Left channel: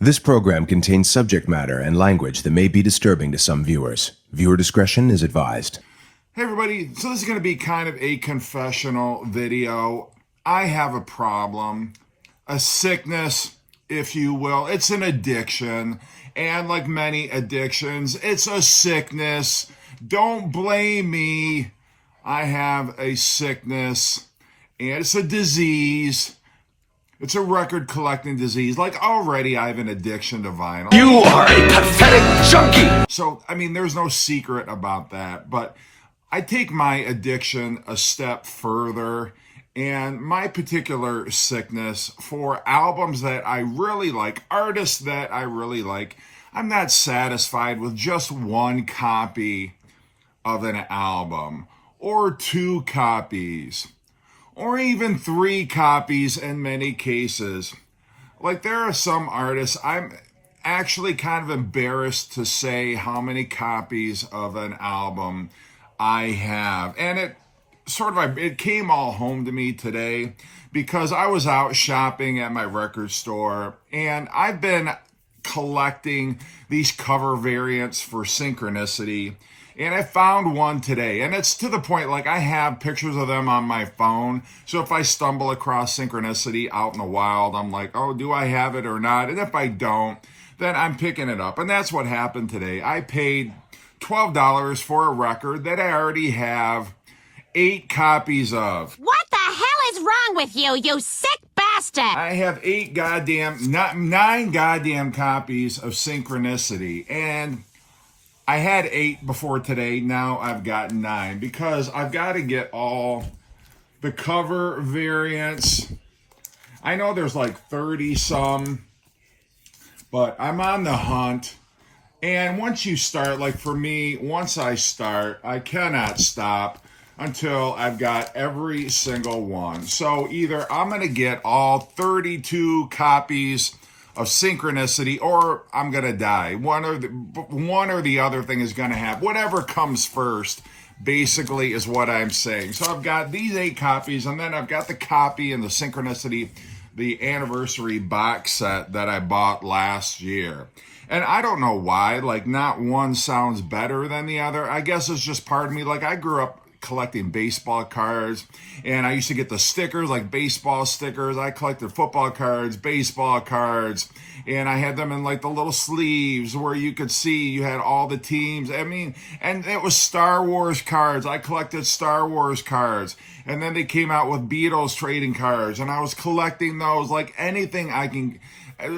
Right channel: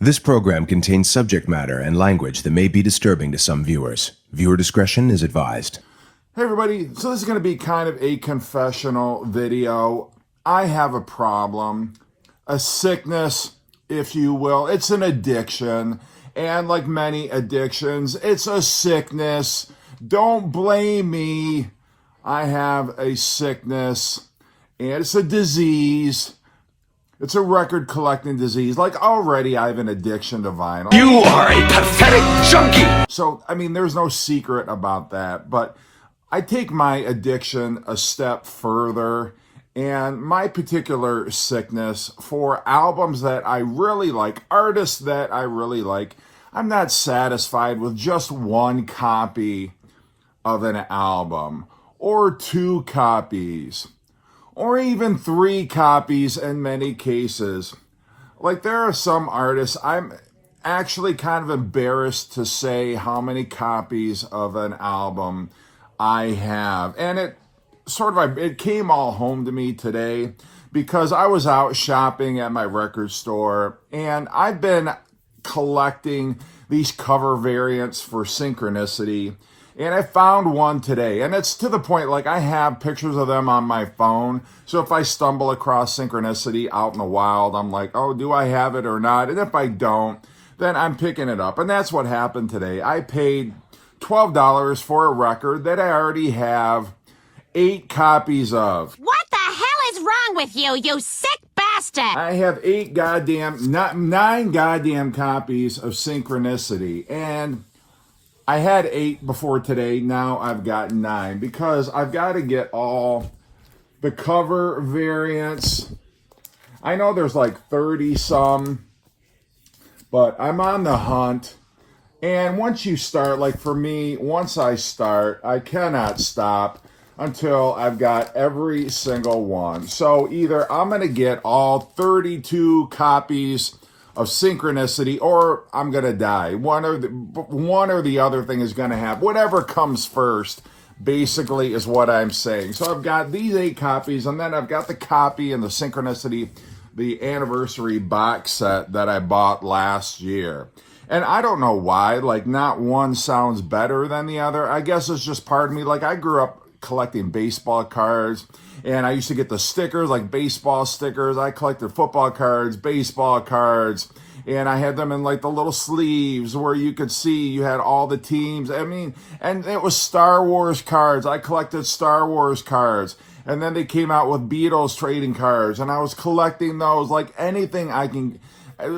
This program contains subject matter and language that may be disturbing to some viewers. Viewer discretion is advised. Hey everybody, so this is going to be kind of a confessional video. I have a problem, a sickness, if you will. It's an addiction, and like many addictions, it's a sickness. Don't blame me. I have a sickness, and it's a disease. It's a record collecting disease. Like already I have an addiction to vinyl. You are a pathetic junkie! So, I mean, there's no secret about that, but I take my addiction a step further, and my particular sickness for albums that I really like, artists that I really like, I'm not satisfied with just one copy of an album, or 2 copies, or even 3 copies in many cases. Like, there are some artists, I'm actually kind of embarrassed to say how many copies of an album I have. And it came all home to me today because I was out shopping at my record store, and I've been collecting these cover variants for Synchronicity. And I found one today, and it's to the point, like, I have pictures of them on my phone. So if I stumble across Synchronicity out in the wild, I'm like, oh, do I have it or not? And if I don't, then I'm picking it up. And that's what happened today. I paid $12 for a record that I already have 8 copies of. What the hell is wrong with you, you sick bastard? I have 9 goddamn copies of Synchronicity, and I had 8 before today. Now I've got 9 because I've got to get all the cover variants. I know there's like 30 some, but I'm on the hunt. And once you start, like for me, once I start, I cannot stop until I've got every single one. So either I'm going to get all 32 copies of Synchronicity, or I'm going to die. One or the other thing is going to happen. Whatever comes first, basically, is what I'm saying. So I've got these 8 copies, and then I've got the copy in the Synchronicity, the anniversary box set that I bought last year. And I don't know why, like, not one sounds better than the other. I guess it's just part of me. Like, I grew up collecting baseball cards, and I used to get the stickers, like baseball stickers. I collected football cards, baseball cards, and I had them in like the little sleeves where you could see you had all the teams. I mean, and it was Star Wars cards. I collected Star Wars cards, and then they came out with Beatles trading cards, and I was collecting those. Like anything I can,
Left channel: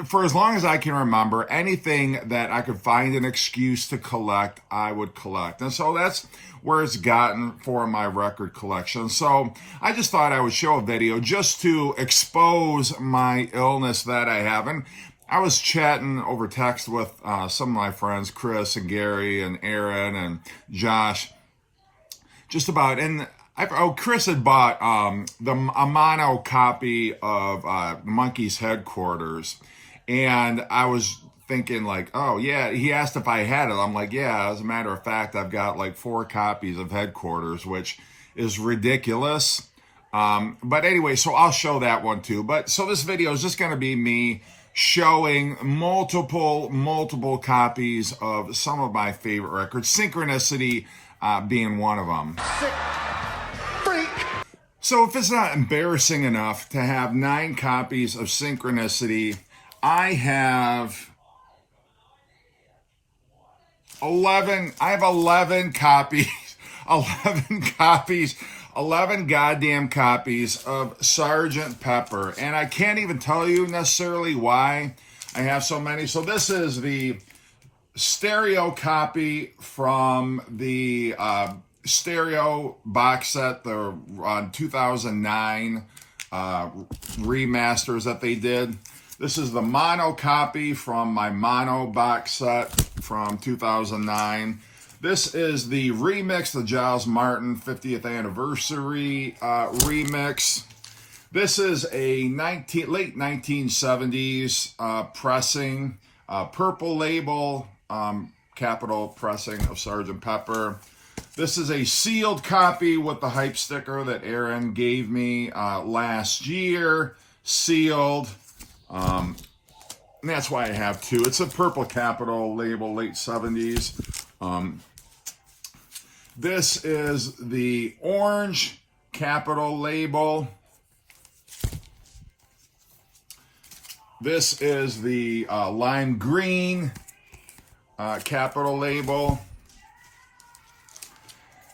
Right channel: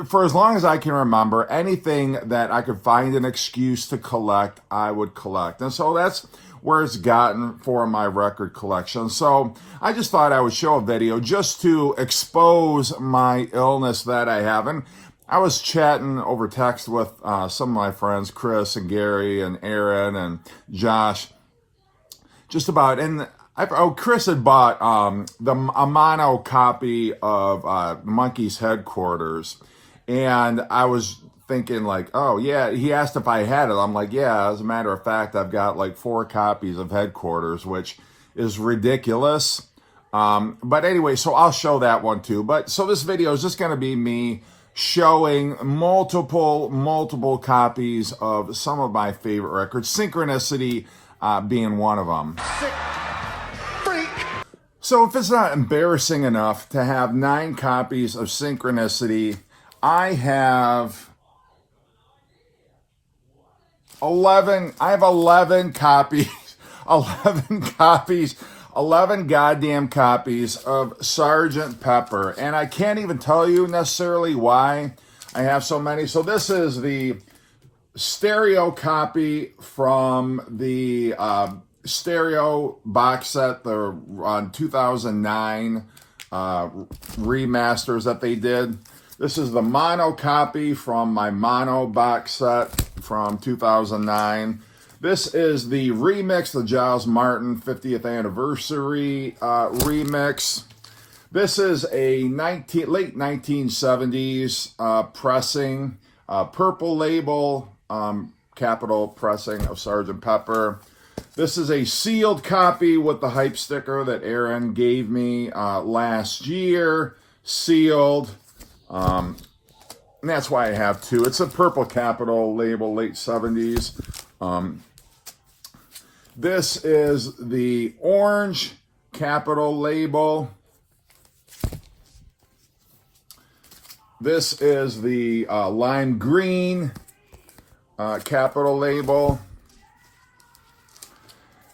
for as long as I can remember, anything that I could find an excuse to collect, I would collect. And so that's where it's gotten for my record collection. So I just thought I would show a video just to expose my illness that I have. And I was chatting over text with some of my friends, Chris and Gary and Aaron and Josh, just about, and Chris had bought a mono copy of Monkey's Headquarters, and I was thinking like, oh yeah, he asked if I had it. I'm like, yeah, as a matter of fact, I've got like 4 copies of Headquarters, which is ridiculous. But anyway, so I'll show that one too. But so this video is just going to be me showing multiple copies of some of my favorite records, Synchronicity being one of them. So if it's not embarrassing enough to have 9 copies of Synchronicity, I have 11 copies, 11 goddamn copies of Sgt. Pepper. And I can't even tell you necessarily why I have so many. So this is the stereo copy from the stereo box set, the 2009 remasters that they did. This is the mono copy from my mono box set from 2009. This is the remix, the Giles Martin 50th anniversary remix. This is a late 1970s pressing, purple label, capital pressing of Sgt. Pepper. This is a sealed copy with the hype sticker that Aaron gave me last year, sealed. And that's why I have two. It's a purple Capitol label, late 70s. This is the orange Capitol label. This is the lime green Capitol label.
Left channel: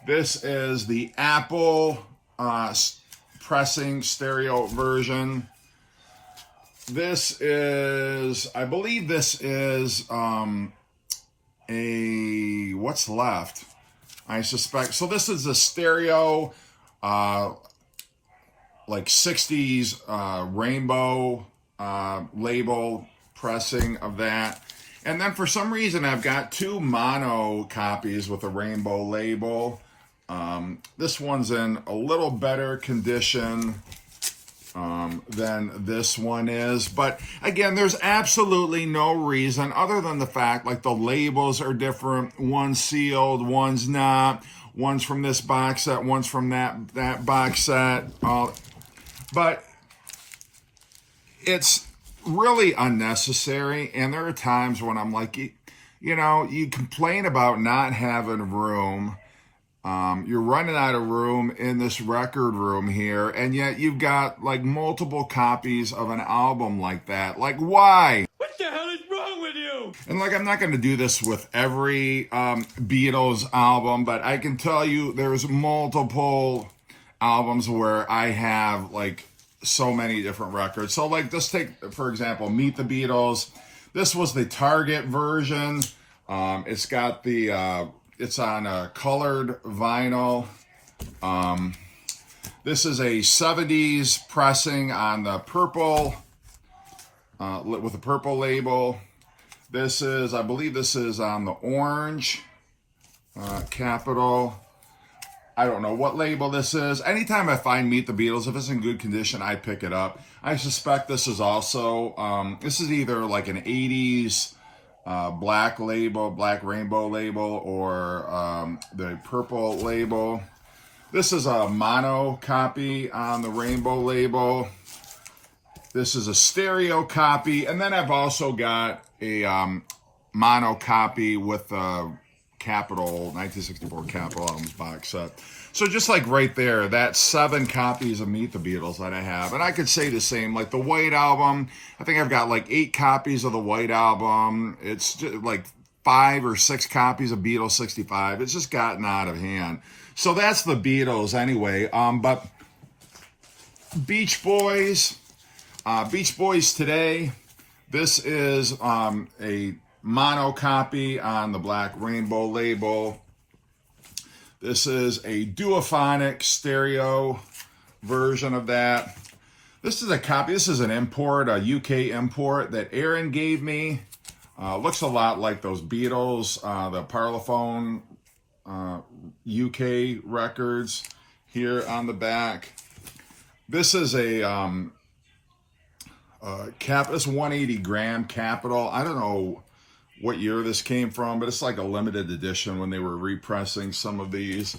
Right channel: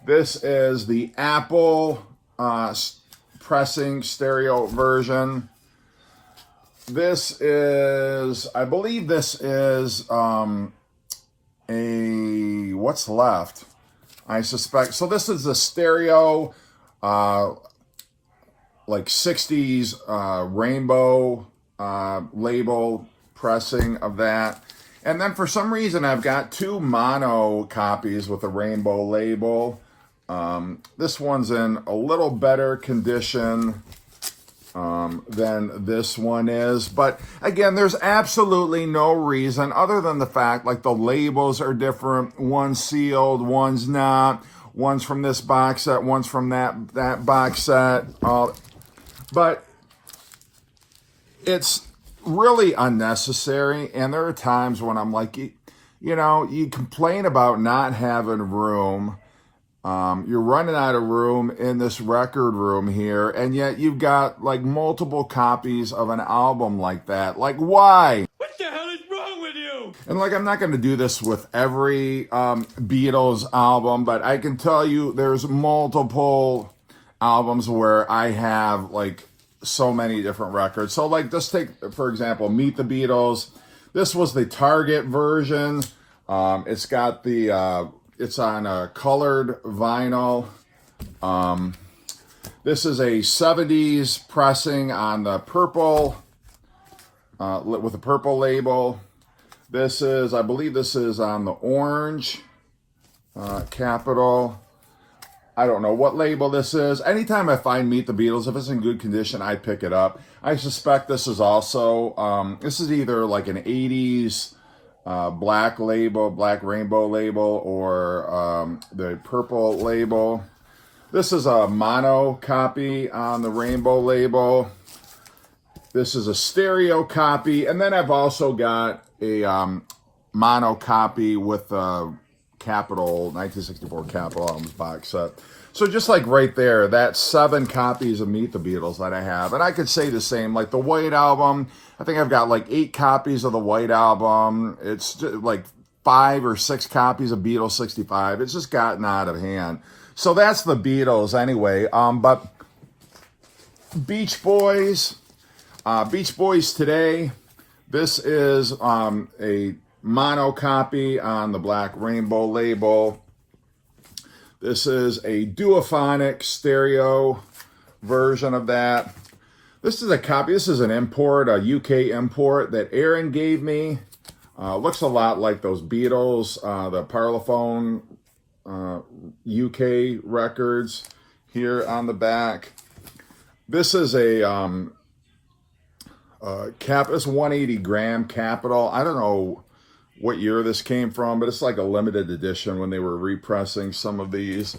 This is the Apple pressing stereo version. This is, I believe this is what's left? I suspect. So this is a stereo, like 60s rainbow label pressing of that. And then for some reason, I've got two mono copies with a rainbow label. This one's in a little better condition than this one is. But again, there's absolutely no reason other than the fact like the labels are different. One's sealed, one's not. One's from this box set, one's from that box set. But it's really unnecessary. And there are times when I'm like, you know, you complain about not having room. You're running out of room in this record room here, and yet you've got like multiple copies of an album like that. Like, why? What the hell is wrong with you? And like, I'm not going to do this with every Beatles album, but I can tell you there's multiple albums where I have like so many different records. So like, just take, for example, Meet the Beatles. This was the Target version. It's got the... It's on a colored vinyl. This is a 70s pressing on the purple, with a purple label. This is, I believe this is on the orange Capitol. I don't know what label this is. Anytime I find Meet the Beatles, if it's in good condition, I pick it up. I suspect this is also, this is either like an 80s black label, black rainbow label, or the purple label. This is a mono copy on the rainbow label. This is a stereo copy, and then I've also got a mono copy with the Capitol 1964 Capitol albums box set. So just like right there, that's 7 copies of Meet the Beatles that I have. And I could say the same, like the White Album, I think I've got like 8 copies of the White Album. It's just like 5 or 6 copies of Beatles 65. It's just gotten out of hand. So that's the Beatles anyway. But Beach Boys Today, this is a mono copy on the black rainbow label. This is a duophonic stereo version of that. This is a copy. This is an import, a UK import that Aaron gave me. Looks a lot like those Beatles, the Parlophone UK records here on the back. This is a this 180 gram Capitol. I don't know what year this came from, but it's like a limited edition when they were repressing some of these.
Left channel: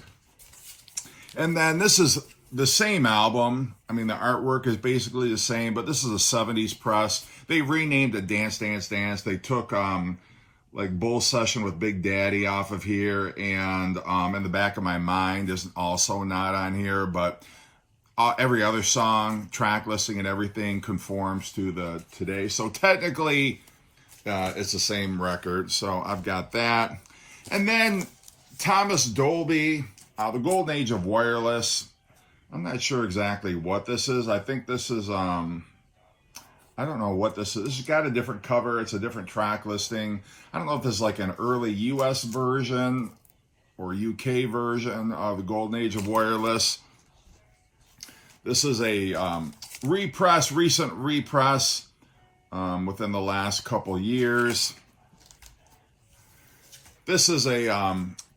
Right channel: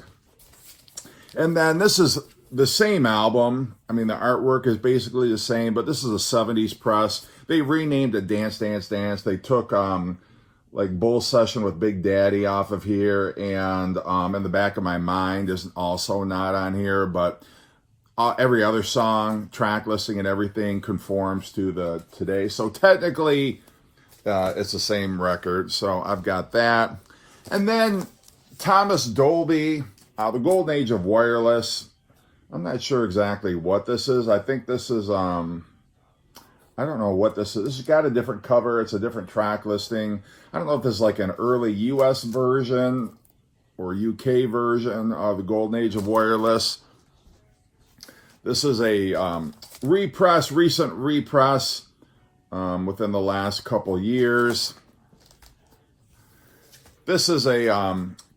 And then this is the same album. I mean, the artwork is basically the same, but this is a 70s press. They renamed it Dance, Dance, Dance. They took like Bull Session with Big Daddy off of here, and In the Back of My Mind is also not on here, but every other song, track listing, and everything conforms to the today. So technically, it's the same record. So I've got that. And then Thomas Dolby, The Golden Age of Wireless. I'm not sure exactly what this is. I think this is, I don't know what this is. This has got a different cover. It's a different track listing. I don't know if this is like an early US version or UK version of The Golden Age of Wireless. This is a recent repress within the last couple years. This is a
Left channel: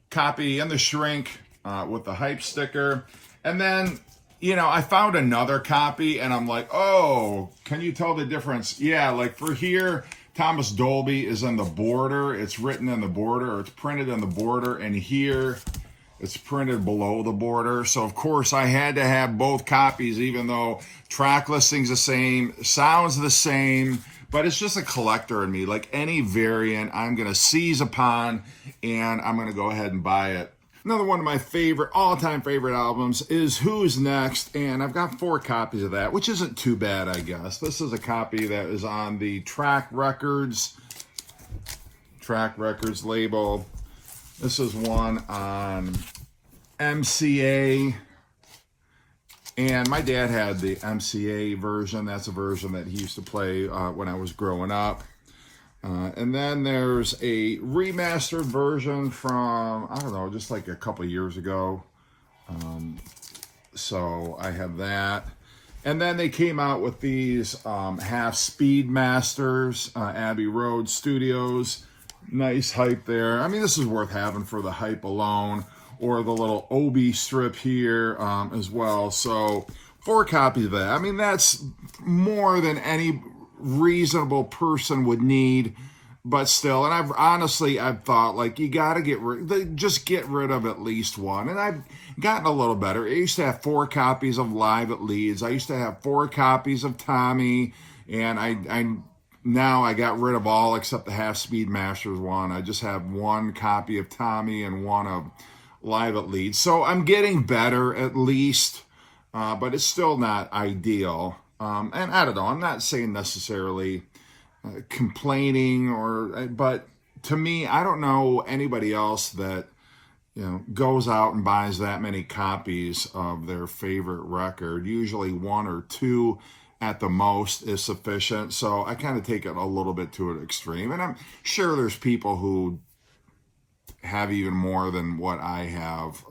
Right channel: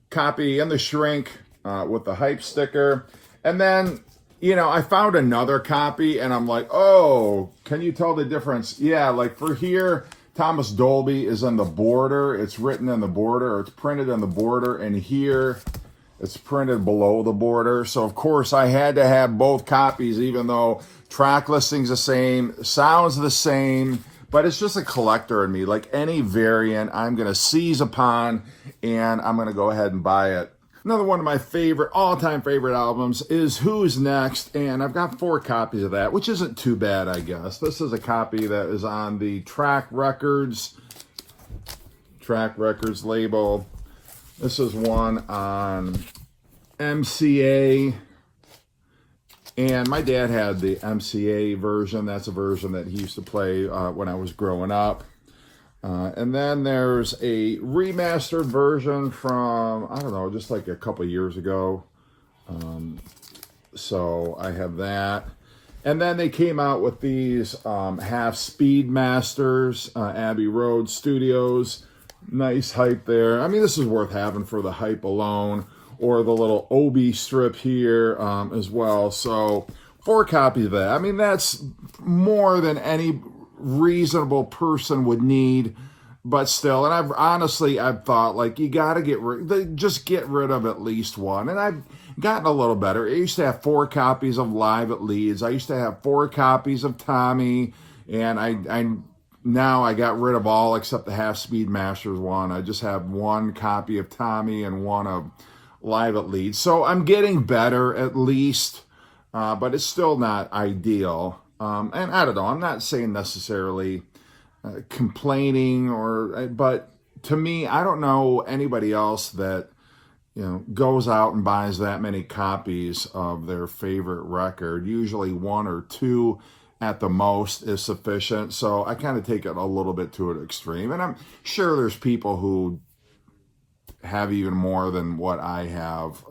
copy in the shrink with the hype sticker. And then, you know, I found another copy and I'm like, oh, can you tell the difference? Yeah, like for here, Thomas Dolby is in the border. It's written in the border, or it's printed in the border. And here, it's printed below the border. So, of course, I had to have both copies, even though track listing's the same, sounds the same, but it's just a collector in me. Like any variant, I'm going to seize upon, and I'm going to go ahead and buy it. Another one of my all-time favorite albums is Who's Next, and I've got 4 copies of that, which isn't too bad, I guess. This is a copy that is on the Track Records label. This is one on MCA, and my dad had the MCA version. That's a version that he used to play when I was growing up. And then there's a remastered version from, I don't know, just like a couple years ago. So I have that. And then they came out with these half speed masters, Abbey Road Studios. Nice hype there. I mean, this is worth having for the hype alone, or the little Obi strip here as well. So 4 copies of that. I mean, that's more than any reasonable person would need, but still. And I've thought, like, you got to just get rid of at least one. And I've gotten a little better. I used to have 4 copies of Live at Leeds. I used to have 4 copies of Tommy, and now I got rid of all except the half speed masters one. I just have 1 copy of Tommy and 1 of Live at Leeds. So I'm getting better at least, but it's still not ideal. And I don't know, I'm not saying necessarily complaining, but to me, I don't know anybody else that, goes out and buys that many copies of their favorite record. Usually 1 or 2 at the most is sufficient. So I kind of take it a little bit to an extreme. And I'm sure there's people who have even more than what I have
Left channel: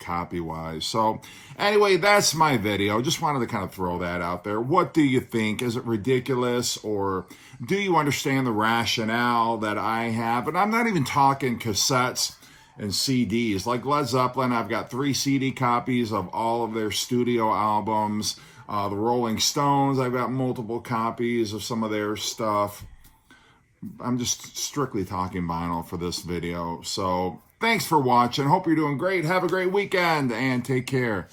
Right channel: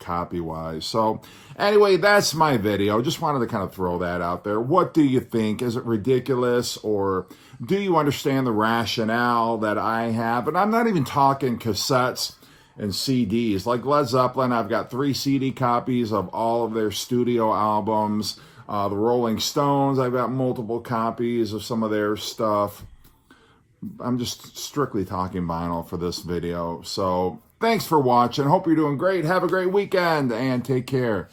copy-wise. So anyway, that's my video. Just wanted to kind of throw that out there. What do you think? Is it ridiculous, or do you understand the rationale that I have? And I'm not even talking cassettes and CDs. Like Led Zeppelin, I've got 3 CD copies of all of their studio albums. The Rolling Stones, I've got multiple copies of some of their stuff. I'm just strictly talking vinyl for this video. So thanks for watching. Hope you're doing great. Have a great weekend and take care.